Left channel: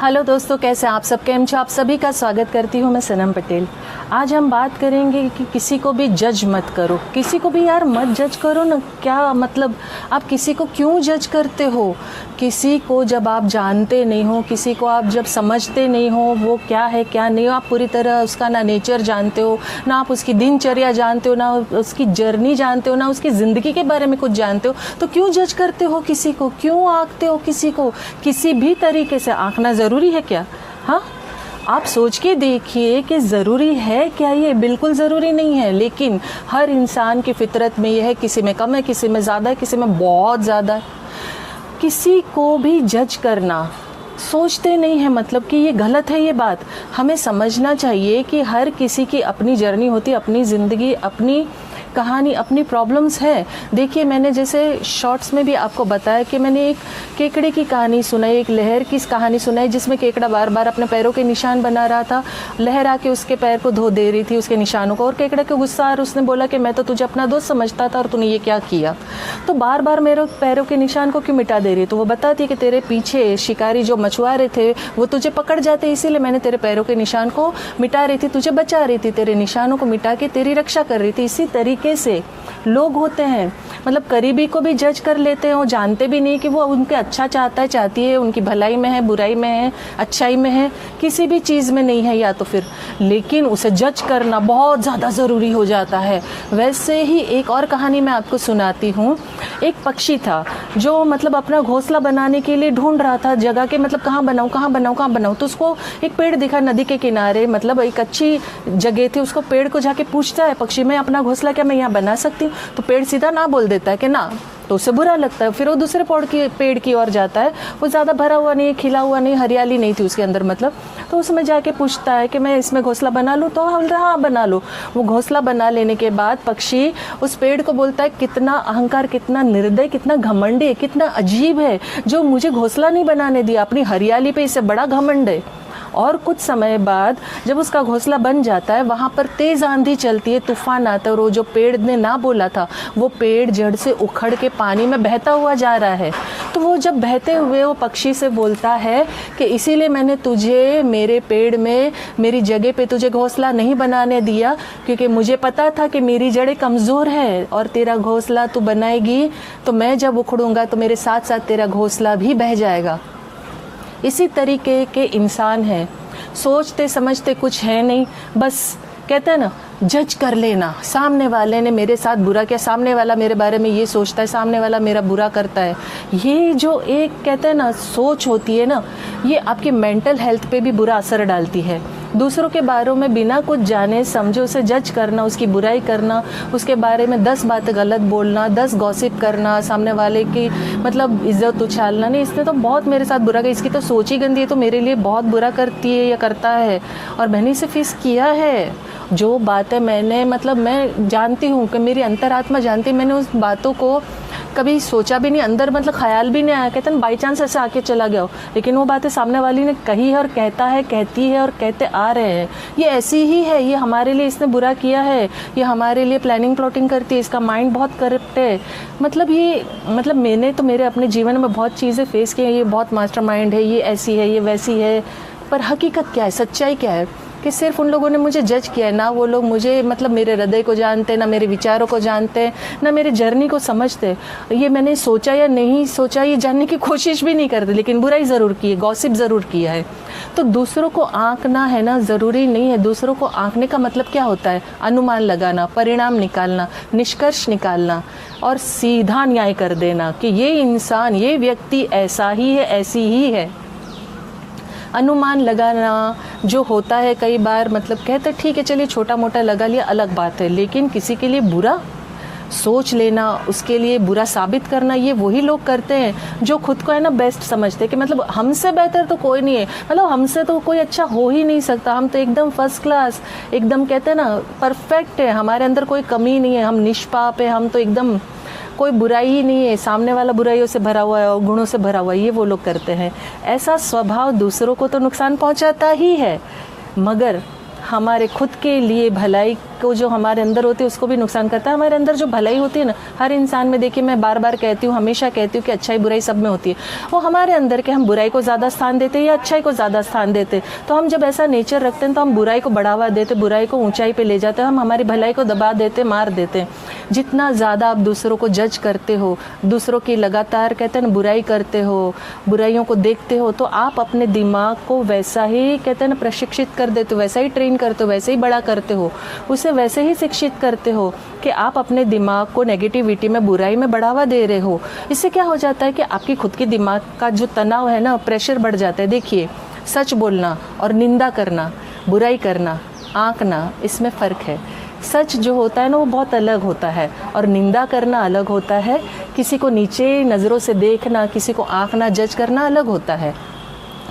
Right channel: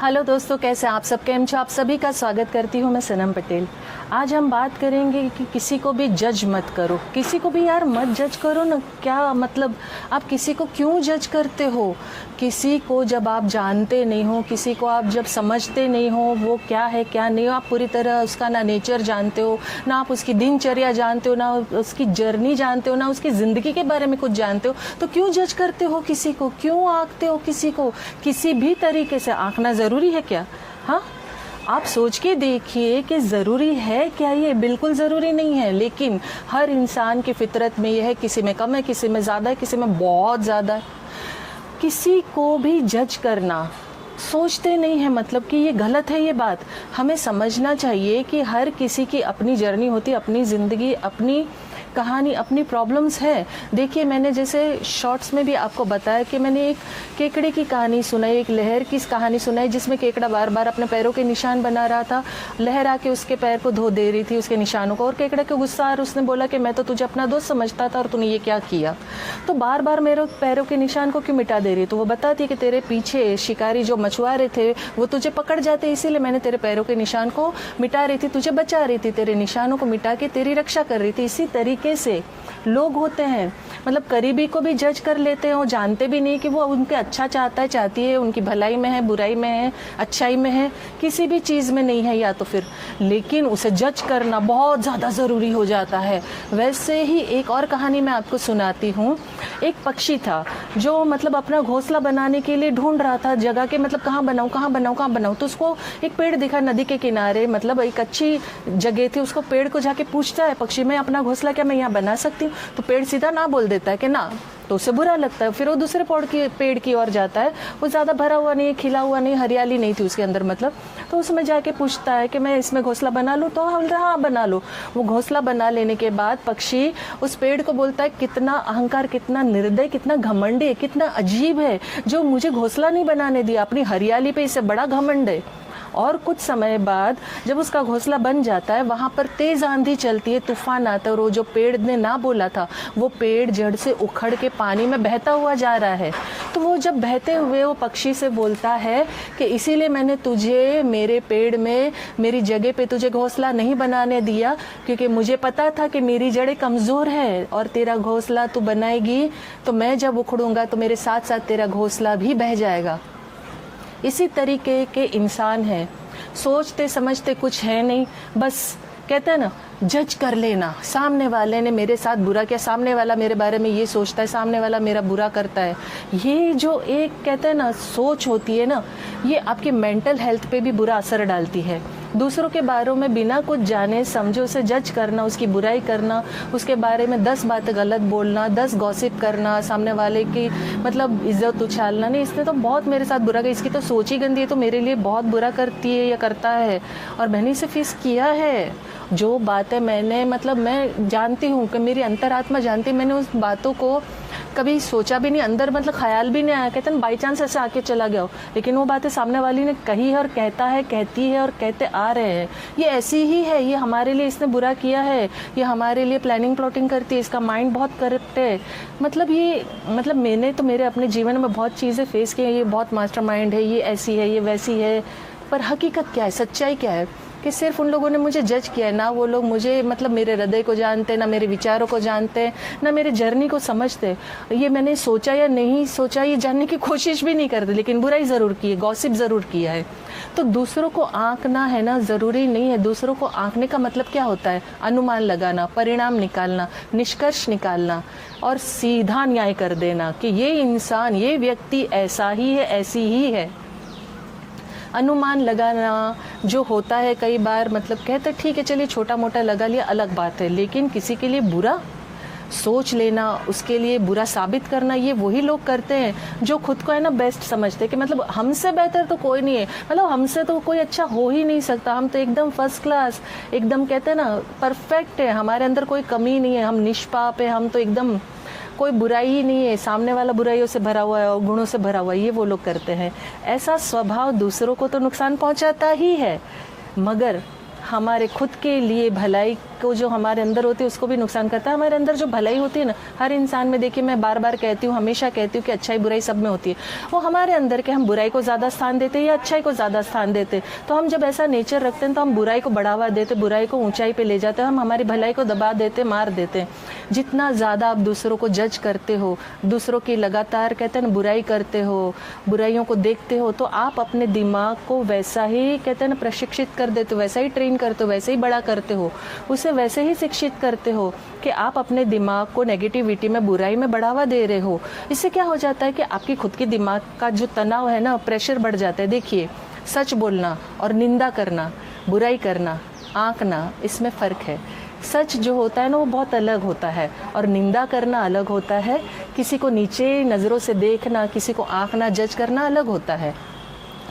Hello दोस्तों, कैसे आप सब? केम छो? आप सभी का स्वागत करती हूँ मैं सनम पटेल। आज हम बात करेंगे कि किसी को भी जज मत करो। किसी को भी यार मत जज करो ना। क्या मतलब, आप किसी को क्यों जज करते हो? किसी को जब आप जानते नहीं हो, किसी को आप जब समझते नहीं हो वो क्या है क्या नहीं हो, आप पूरी तरह उसका ना नेचर जानते हो, ना आप उसकी दिनचर्या जानते हो, ना उसकी जर्नी जानते हो, ना उसकी ज़िंदगी के बारे में कुछ जानते हो, तो क्यों जज करते हो किसी को? क्यों आंकते हो किसी को? किसी भी तरीके से आंकना ज़रूरी है क्या? हाँ, आप सोच के देखिए कि ज़रूरी है क्या? ये बिल्कुल ज़रूरी नहीं है, लेकिन हर इंसान की फितरत में यह है, किसी में कम है, किसी में ज़्यादा है, किसी में बहुत ज़्यादा है। किसी को भी जज करना सोचते नहीं है, मतलब कि ये गलत है। ये बात हमें समझना चाहिए कि हर किसी की अपनी जर्नी होती है, अपनी ज़िंदगी, अपनी कहानी, अपनी प्रॉब्लम्स है। देखिए, मैंने जैसे शॉर्ट्स में भी आपको बताया कि मैंने एक केकड़े की कहानी सुनाई, एक लहर की कहानी सुनाई, जिसमें केकड़ा बार बार अपने पैरों के निशान बना रहा था। लहर आके उसके पैर को धो दे रही थी, उसके निशानों को, और केकड़ा के गुस्सा आ रहा, उसने बोला कि मैं तो तुझे अपना दोस्त समझता था और तूने ये क्या किया? तो बार बार मेरे पैरों के निशान को क्यों मिटा दे रही? तो वो बताती कि तेरे पीछे शिकारी जो मछुआरे थे वो तुझे पकड़ जाते, इसीलिए मैंने तेरे पैरों के निशान को मिटा रही थी, तुझे बचा रही थी, तेरे निशानों को मिटा के तेरी रक्षा कर रही थी। इसी तरीके से लोग होते हैं, मतलब करीबी को भी जज कर लेते हैं और जानते भी नहीं कि वो उनके अच्छा चाहता है, चाहती है, उनकी भलाई में है, बुराई में है, अच्छाई में है, किसी भी चीज़ में नहीं है या तो फिर, लेकिन उसे जज करना बहुत ज़्यादा ज़रूरी हो जाता है। वैसे ही एक और कहानी मैं आपको सुनाती हूँ। एक पक्षी था जो मतलब अपना घोंसला बनाने के लिए ढूंढ रहा था जगह के, मतलब कहाँ बनाऊँ कहाँ बनाऊँ कहाँ बनाऊँ। तो उसको एक पेड़ दिखा नदी के किनारे, मतलब एक अच्छी जगह थी। उसको पेड़ को जाके पूछता है पक्षी, मैं अपना घोंसला क्या मैं यहाँ बना सकती हूँ? तो पेड़ सीधा ना बोल देता है कि ना, तो उसे बुरा लगता है। फिर वो दूसरे पेड़ की ओर जाता है। वो ज़्यादा भरा हुआ नहीं, खिला हुआ नहीं, हरियाली नहीं थी उसके अंदर, मतलब। तो उसमें जाके पूछता है कि मैं इसमें घोंसला बना लूँ? तो हाँ बना लो। वो घोंसला बना लेने के बाद पक्षी उस पेड़ को बोलता है, कितना अहंकार, कितना निर्दय, कितना घमंडी, कितना अजीब है जो मुझे घोंसला नहीं बनाने दिया, अपनी हरियाली पे इससे बड़ा घमंड है। और कुछ समय बाद जब उसका घोंसला बन जाता है, वहाँ पर तेज़ आंधी चलती है, तूफान आता है, और वो जो पेड़ ने ना बोला था वो पेड़ जड़ से उखड़ के पानी में बहता हुआ जा रहा है। तो वो जब बहते हुए वो पक्षी से बोलता है कि इसीलिए मैंने तुझे मेरे पेड़ में, मेरी जगह पे तुझे घोंसला नहीं बनाने दिया, क्योंकि मुझे पता था कि मेरी जड़ें कमज़ोर है और तेरा घोंसला तू बनाएगी तो मैं जब उखड़ूंगा तो मेरे साथ साथ तेरा घोंसला भी बह जाएगा। इसी तरीके के इंसान हैं, सोचते समझते कुछ है नहीं, बस कहते हैं ना, जज कर लेना। सामने वाले ने मेरे साथ बुरा किया, सामने वाला मेरे बारे में ये सोचता है, सामने वाला मेरा बुरा करता है। ये जो एक कहते हैं ना सोच होती है ना, ये आपकी मेंटल हेल्थ पे भी बुरा असर डालती है। दूसरों के बारे में बिना कुछ जाने समझे उसे जज करना, उसकी बुराई करना, उसके बारे में 10 बातें गलत बोलना, 10 गॉसिप करना, सामने वाले की मतलब इज्जत उछालना, नहीं इसने तो बहुत मेरे साथ बुरा किया, इसकी तो सोच ही गंदी है, तो मेरे लिए बहुत बुरा करती है या करता है, और मैंने इसे फेस किया है। जो बातें मैंने, मतलब मैं जानती हूँ कि मेरी अंतरात्मा जानती है, मैंने उस बातों को कभी सोचा भी नहीं, अंदर मतलब ख्याल भी नहीं आया, कहते हैं बाई चांस ऐसे आके चला गया हो, लेकिन वो बातें सामने वाली ने कही है और कहता है, कहती है और कहते आ रहे हैं। ये ऐसी ही है, ये हमारे लिए इसने बुरा किया है, ये हमारे लिए प्लानिंग प्लॉटिंग करती है, इसका माइंड बहुत करप्ट है। मतलब ये, मतलब मैंने तो मेरे अपने जीवन में बहुत चीज़ें फेस की हैं, ये बहुत मास्टर माइंड है, ये ऐसी है, ये वैसी है। पर हकीकत क्या है, सच्चाई क्या है कि सिर्फ उन लोगों ने मुझे जज किया है, ना वो लोग मुझे, मतलब मेरे हृदय को जानते, ना मेरे विचारों को जानते, ना मेरे जर्नी को समझते। ये मैंने सोचा या नहीं सोचा ये जानने की कोशिश भी नहीं करते, लेकिन बुराई ज़रूर की है, गॉसिप ज़रूर किया है। तो दूसरों को आंकना है ना, ज़रूरी नहीं है। दूसरों को आंकने का मतलब क्या होता है? अनुमान लगाना, परिणाम निकालना, निष्कर्ष निकालना और सीधा न्याय कर देना कि ये इंसान, ये व्यक्ति ऐसा ही है, ऐसी ही है। अनुमान लगाना जो होता है कई बार, मतलब कहते ठीक है चलिए छोटा मोटा लगा लिया, अलग बात है, लेकिन किसी के लिए बुरा सोच लेना, उसके लिए बुरा साबित करना, ये वही लोग करते हैं जो खुद को है ना बेस्ट समझते हैं कि मतलब हमसे बेहतर तो कोई नहीं है, मतलब हमसे तो कोई अच्छा हो ही नहीं सकता, हम तो एकदम फर्स्ट क्लास, एकदम कहते हैं ना परफेक्ट है, हमारे अंदर कोई कमी नहीं है, हम निष्पाप है, हम तो एकदम कोई बुराई ही नहीं है, सामने वाला बुराइयों से भरा हुआ है और गुणों से भरा हुआ है, ये वो लोग करते हैं। ऐसा स्वभाव दूसरों को तो नुकसान पहुंचाता ही है, मगर हमारे खुद के लिए भलाई को जो हमारे अंदर होती है उसको भी नुकसान करता है। हमारे अंदर जो भलाई होती है ना, हर इंसान में देखिए, मैं बार बार कहती हूँ, हमेशा कहती हूँ कि अच्छाई बुराई सब में होती है, वो हमारे अंदर के हम बुराई को ज़्यादा स्थान देते हैं या अच्छाई को ज़्यादा स्थान देते हैं। तो हम जब ऐसा नेचर रखते हैं तो हम बुराई को बढ़ावा देते, बुराई को ऊंचाई पे ले जाते हैं, हम हमारी भलाई को दबा देते, मार देते हैं। जितना ज़्यादा आप दूसरों को जज करते हो, दूसरों की लगातार कहते हैं ना बुराई करते हो, बुराइयों को देखते हो, तो आप अपने दिमाग को वैसा ही कहते हैं ना प्रशिक्षित कर देते हो, वैसा ही ट्रेन करते हो, वैसे ही बड़ा करते हो, उसे वैसे ही शिक्षित करते हो कि आप अपने दिमाग को नेगेटिविटी में, बुराई में बढ़ावा दे रहे हो। इससे क्या हो जाता है कि आपकी खुद की दिमाग का जो तनाव है ना, प्रेशर बढ़ जाता है। देखिए, सच बोलना और निंदा करना, बुराई करना, आंकना, इसमें फ़र्क है। सच जो होता है ना वो बहुत अलग होता है और निंदा करना अलग होता है। किसी को नीचे नज़रों से देखना, किसी को आंकना, जज करना अलग होता है।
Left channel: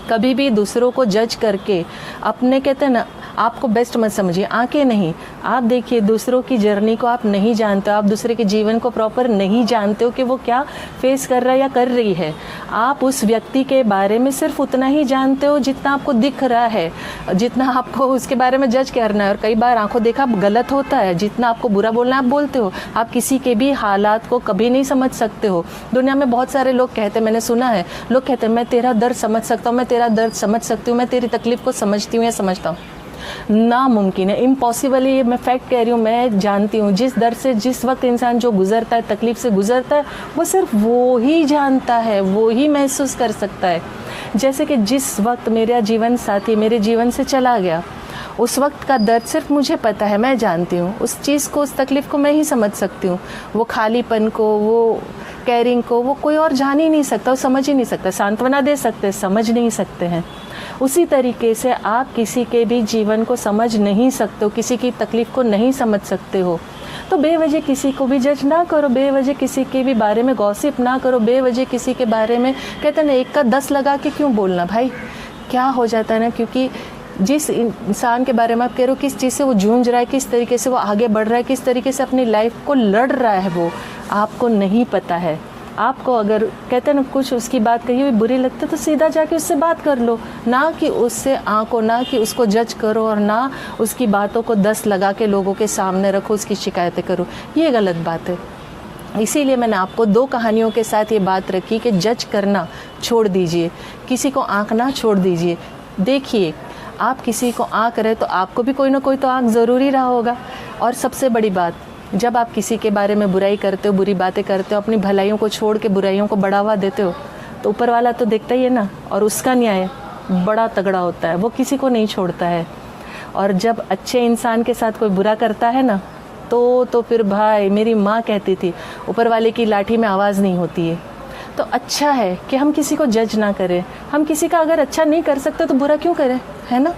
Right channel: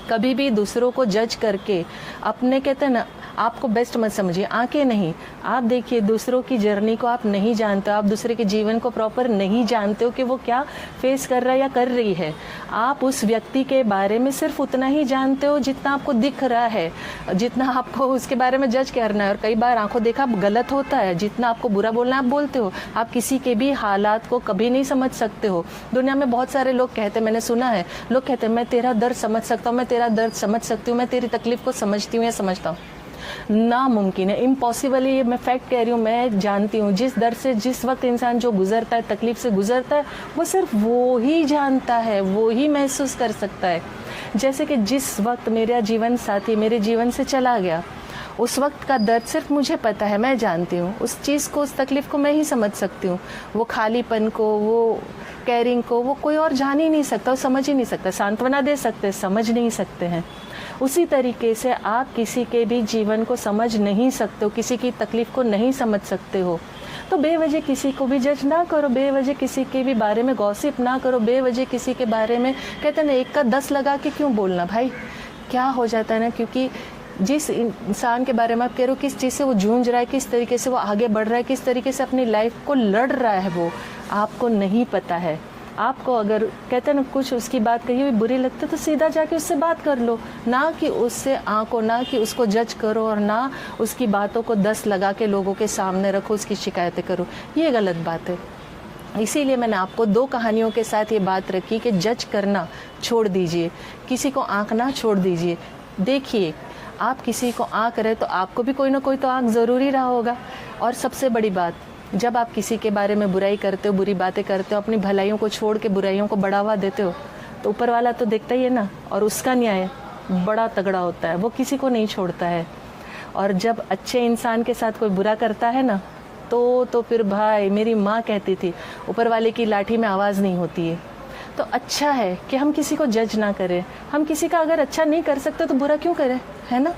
कभी भी दूसरों को जज करके अपने कहते हैं ना आपको बेस्ट मत समझिए, आंखें नहीं। आप देखिए, दूसरों की जर्नी को आप नहीं जानते हो, आप दूसरे के जीवन को प्रॉपर नहीं जानते हो कि वो क्या फेस कर रहा है या कर रही है। आप उस व्यक्ति के बारे में सिर्फ उतना ही जानते हो जितना आपको दिख रहा है, जितना आपको उसके बारे में जज करना है। और कई बार आंखों देखा गलत होता है, जितना आपको बुरा बोलना है आप बोलते हो। आप किसी के भी हालात को कभी नहीं समझ सकते हो। दुनिया में बहुत सारे लोग कहते हैं, मैंने सुना है, लोग कहते हैं मैं तेरा दर्द समझ सकता हूँ, मैं तेरा दर्द समझ सकती हूँ, मैं तेरी तकलीफ को समझती हूँ या समझता हूँ। नामुमकिन है, इम्पॉसिबल है। ये मैं फैक्ट कह रही हूँ, मैं जानती हूँ। जिस दर से जिस वक्त इंसान जो गुजरता है, तकलीफ से गुजरता है, वो सिर्फ वो ही जानता है, वो ही महसूस कर सकता है। जैसे कि जिस वक्त मेरा जीवन साथी मेरे जीवन से चला गया, उस वक्त का दर्द सिर्फ मुझे पता है, मैं जानती हूँ उस चीज़ को, उस तकलीफ़ को मैं ही समझ सकती हूँ। वो खालीपन को, वो कैरिंग को, वो कोई और जान ही नहीं सकता, वो समझ ही नहीं सकता। सांत्वना दे सकते, समझ नहीं सकते हैं। उसी तरीके से आप किसी के भी जीवन को समझ नहीं सकते हो, किसी की तकलीफ़ को नहीं समझ सकते हो। तो बेवजह किसी को भी जज ना करो, बेवजह किसी के भी बारे में गॉसिप ना करो, बेवजह किसी के बारे में कहते हैं ना 1 का 10 लगा के क्यों बोलना भाई। क्या हो जाता है ना, क्योंकि जिस इंसान के बारे में आप कह रहे हो, किस चीज़ से वो जूझ रहा है, किस तरीके से वो आगे बढ़ रहा है, किस तरीके से अपनी लाइफ को लड़ रहा है, वो आपको नहीं पता है। आपको अगर कहते हैं ना कुछ उसकी बात कही हुई बुरी लगती है तो सीधा जाके उससे बात कर लो, ना कि उससे आंको, ना कि उसको जज करो और ना उसकी बातों को 10 लगा के लोगों के सामने रखो, उसकी शिकायतें करो। ये गलत बात है। इसीलिए मैंने आपको 2 कहानियों के साथ ये बात रखी कि जज करना छोड़ दीजिए, किसी को आंकना छोड़ दीजिए। देखिए, आप किसी को आंक रहे तो आपको भी कोई ना कोई तो आंक ज़रूरी रहा होगा। और सबसे बड़ी बात, जब आप किसी के बारे में बुराई करते हो, बुरी बातें करते हो, अपनी भलाइयों को छोड़ के बुराइयों को बढ़ावा देते हो, तो ऊपर वाला तो देखता ही है ना, और उसका न्याय बड़ा तगड़ा होता है, वो किसी को नहीं छोड़ता है। और जब अच्छे इंसान के साथ कोई बुरा करता है ना, तो फिर भाई, मेरी माँ कहती थी, ऊपर वाले की लाठी में आवाज़ नहीं होती है। तो अच्छा है कि हम किसी को जज ना करें। हम किसी का अगर अच्छा नहीं कर सकते तो बुरा क्यों करें, है ना।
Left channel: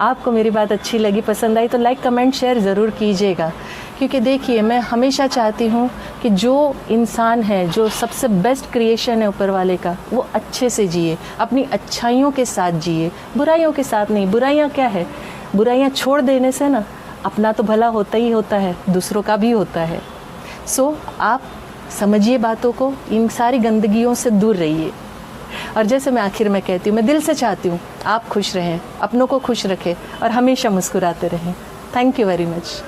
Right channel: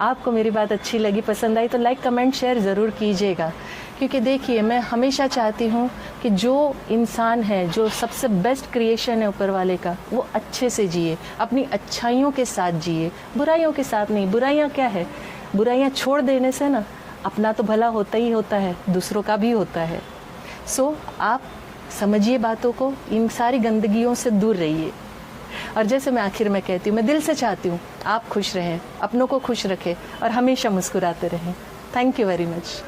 आपको मेरी बात अच्छी लगी, पसंद आई तो लाइक, कमेंट, शेयर ज़रूर कीजिएगा। क्योंकि देखिए, मैं हमेशा चाहती हूँ कि जो इंसान है, जो सबसे बेस्ट क्रिएशन है ऊपर वाले का, वो अच्छे से जिए, अपनी अच्छाइयों के साथ जिए, बुराइयों के साथ नहीं। बुराइयाँ क्या है, बुराइयाँ छोड़ देने से ना अपना तो भला होता ही होता है, दूसरों का भी होता है। सो आप समझिए बातों को, इन सारी गंदगियों से दूर रहिए। और जैसे मैं आखिर में कहती हूँ, मैं दिल से चाहती हूँ आप खुश रहें, अपनों को खुश रखें और हमेशा मुस्कुराते रहें। Thank you very much.